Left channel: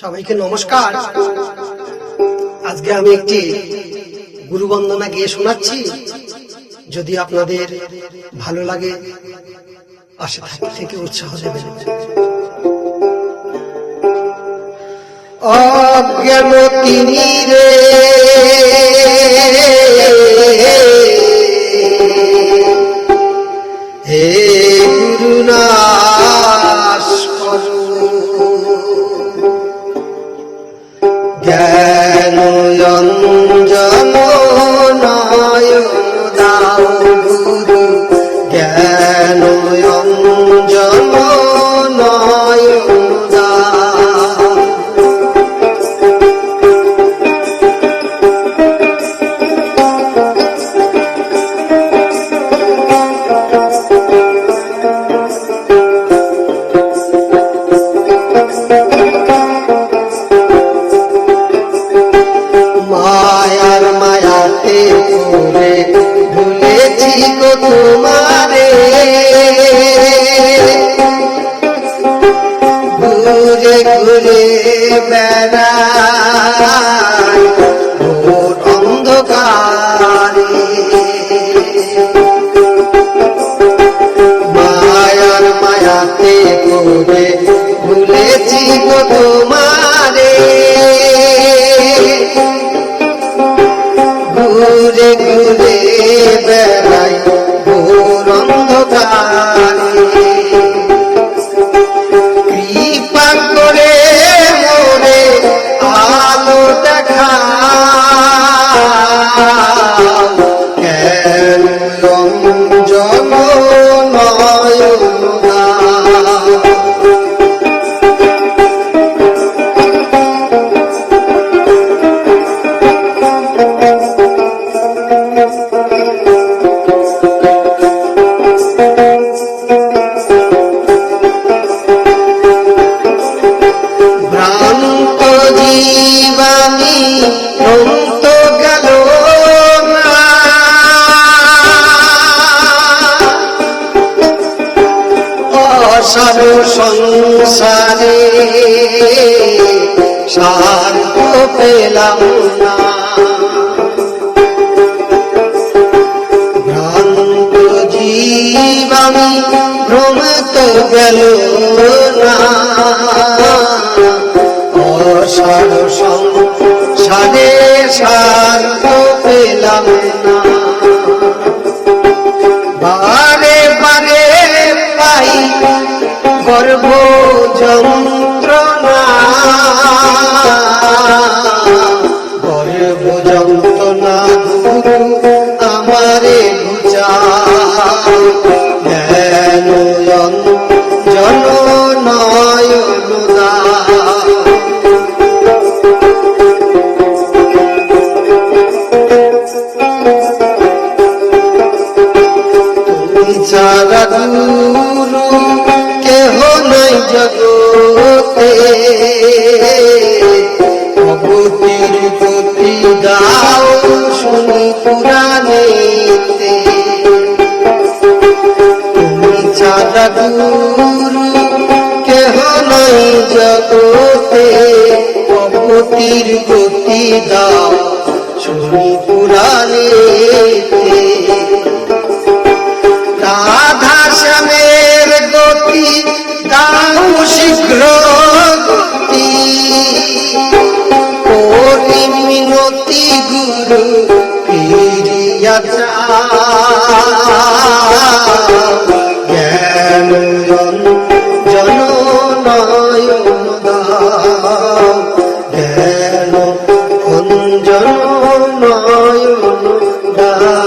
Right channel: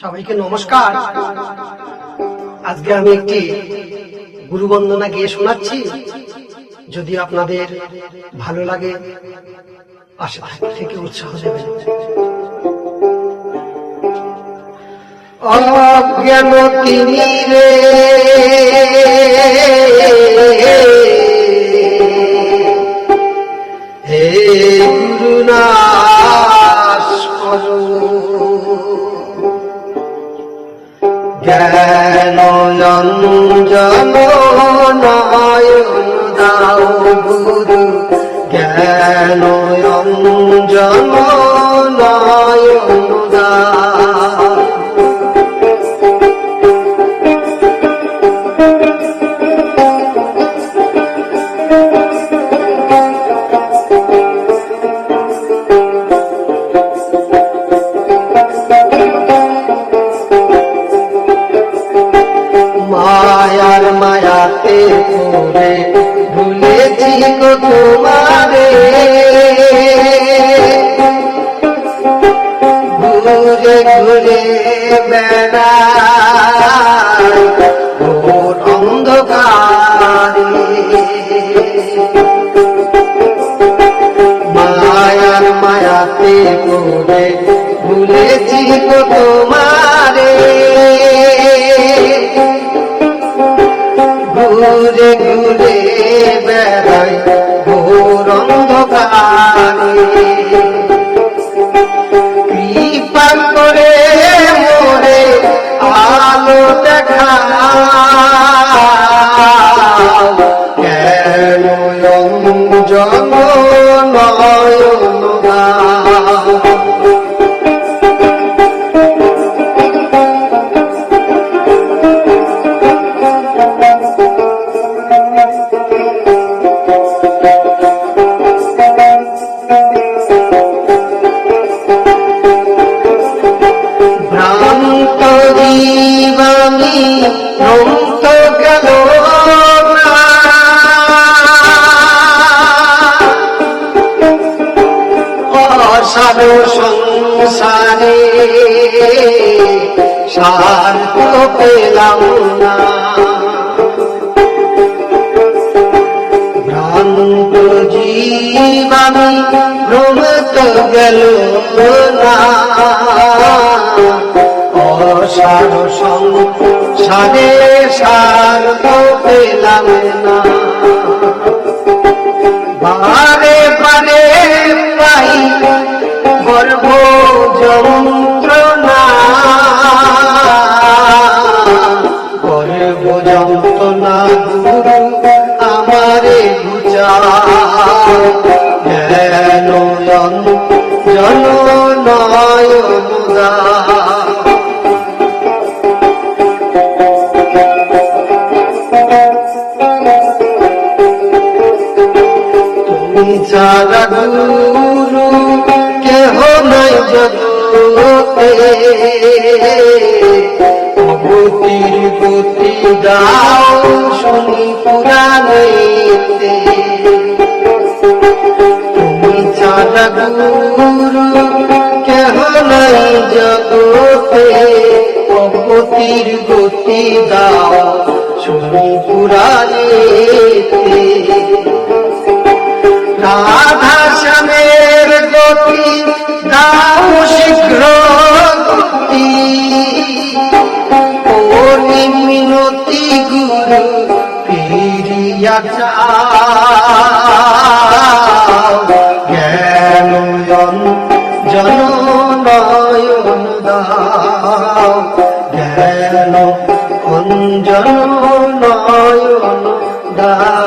সবাইকে নমস্কার। আজকে আমি একটি গুরু বন্দনা গেয়ে শোনাচ্ছি। যদি আপনাদের ভালো লাগে পাশে থেকে উৎসাহ দেবেন। অজ্ঞানতি রে হে গুরুনাশ জ্ঞান অঞ্জন নয়ন দাও গুরু, জ্ঞান অঞ্জন নয়ন দাও। মায়ার মায়াতে পড়ে ভুলেছি গো তোমারে, ঘুরে ঘুরে বেড়াই ঘোর অন্ধকারে। মায়ার মায়াতে পড়ে ভুলেছি গো তোমারে, ঘুরে ঘুরে বেড়াই ঘোর অন্ধকারে। কৃপা করে মোরে আলো দেখাও, কেন অঞ্জন নয়ন দাও। ভ্রান্ত জীবামি ভ্রান্ত গেল না, অসার সংসারে শান্ত পেলাম না। ভ্রান্ত জীবামি ভ্রমত গেল না, অসার সংসারে শান্ত পেলাম না। বারে বারে পাই গর্ভ যন্ত্রণা, গর্ভ যন্ত্রণা গুরু আমারে বুঝাও, জ্ঞান অঞ্জন নয়ন দাও। তুমি ছাড়া গুরু কেহ নাই জগতে, ভগতির গতি দাও শুনি পুরাণেতে। তুমি ছাড়া গুরু কেহ নাই জগতে, ভগতির গতি দাও শুনি পুরাণেতে। রাধা শ্যামের গতি দাও শীঘ্র গতি, ও মিনতি গুরু ফিরিয়া যাও, জ্ঞান অঞ্জন নয়ন দাও, জ্ঞান অঞ্জন নয়ন দাও।